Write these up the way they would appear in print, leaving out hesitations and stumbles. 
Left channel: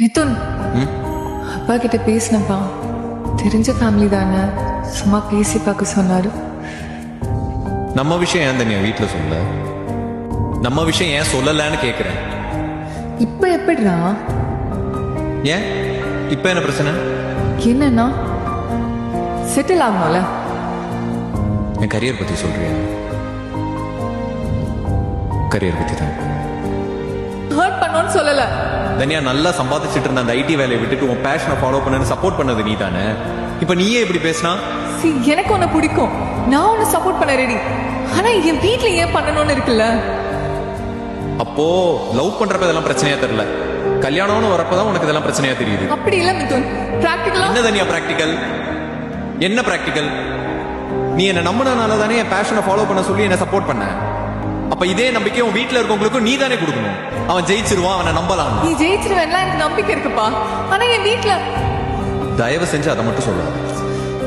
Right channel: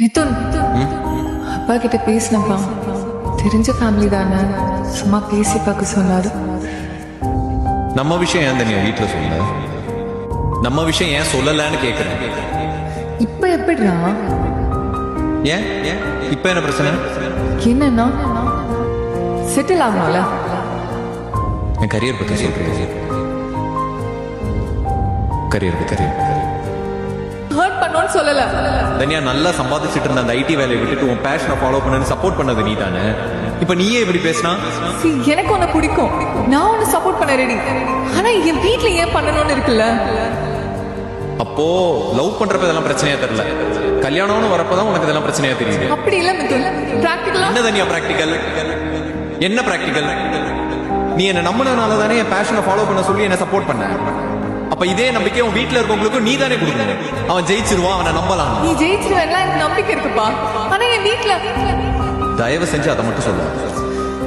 மிதுன், அப்பா கிட்ட பேசினப்பா. தெரிஞ்ச ஃபேமிலி தானே, சும்மா பேசி பார்க்க சொன்னாரு. நம்ம விஷயம் ஏன் தனியா வீட்டுல சொல்ல? நம்ம விஷயம் ஏன் சொல்லலன்னு கேக்குறேன். இப்ப எப்படிடா? ஏன் இப்ப என்ன பிரச்சனை? என்னன்னா செட்டில் ஆகணும்ல. என் கரியர் பத்தி சொல்றியா? கரியர் பத்தி தான் ஹர்ட் பண்ணோன்னு சொல்லல. தனியா நல்லா சம்பாதிச்சிட்டு இருந்த அந்த ஐடி வேலையை விட்டுட்டு உன் பேஷனை ஃபாலோ பண்ணு சப்போர்ட் பண்ணது நீ தானே. இப்ப நீயே இப்படி பேசினா? எனக்கு உன்னை பிடிக்கும், நான் உன்னை சப்போர்ட் பண்ண ரெடி. ஆனா என் வீட்டுல ஏன் பண்ணணும்னு இருக்குல்ல. அப்போ லவ் பண்றப்ப இதெல்லாம் பிரச்சனையா தெரியல, கல்யாணம்னு வரப்பதான் உனக்கு இதெல்லாம் பிரச்சனையா தெரியுது. அப்படி இல்ல மிதுன், பிராக்டிகலா. என்ன தனியா பிராக்டிக்கல்? என்ன பிராக்டிக்கல்? நீ என்ன நம்பினால தானே என் பேஷனை ஃபாலோ பண்ண சொல்லி என்ன சப்போர்ட் பண்ண. அப்ப இதே நம்பிக்கை உன் வீட்டுல இருக்கவங்களுக்கும் நீ தானே கொடுக்கணும். அவன் ஜெயிச்சிருவான், அவனை நம்பலாம். நீ ஜெயிச்சிருவேன்லாம் எனக்கு நம்பிக்கை இருக்குப்பா. ஆனா என் வீட்டுல தயவு செஞ்சு அதை மட்டும் சொல்லாது.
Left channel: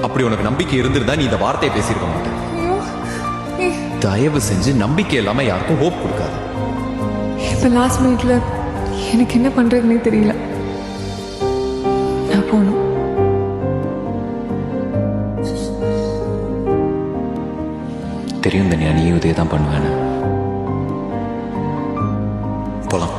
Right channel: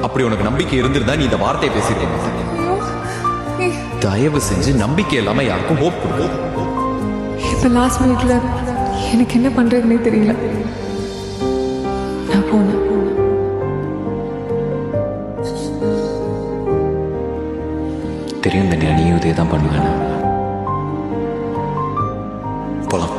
அப்படி உனக்கு நம்பிக்கை இருந்திருந்தா நீ இந்த வார்த்தையை பேசியிருக்க மாட்டேன். தயவு செஞ்சு நம்பிக்கை இல்லாம யாருக்கும் ஹோப் கொடுக்காது. இப்ப லாஸ்ட் மினிட்ல எனக்கு என்ன பண்றதுன்னே தெரியல. நான் போகணும். தெரியும் தனியா, நீயும் இதே தான் பண்ணுவேன்னு. போலாம்.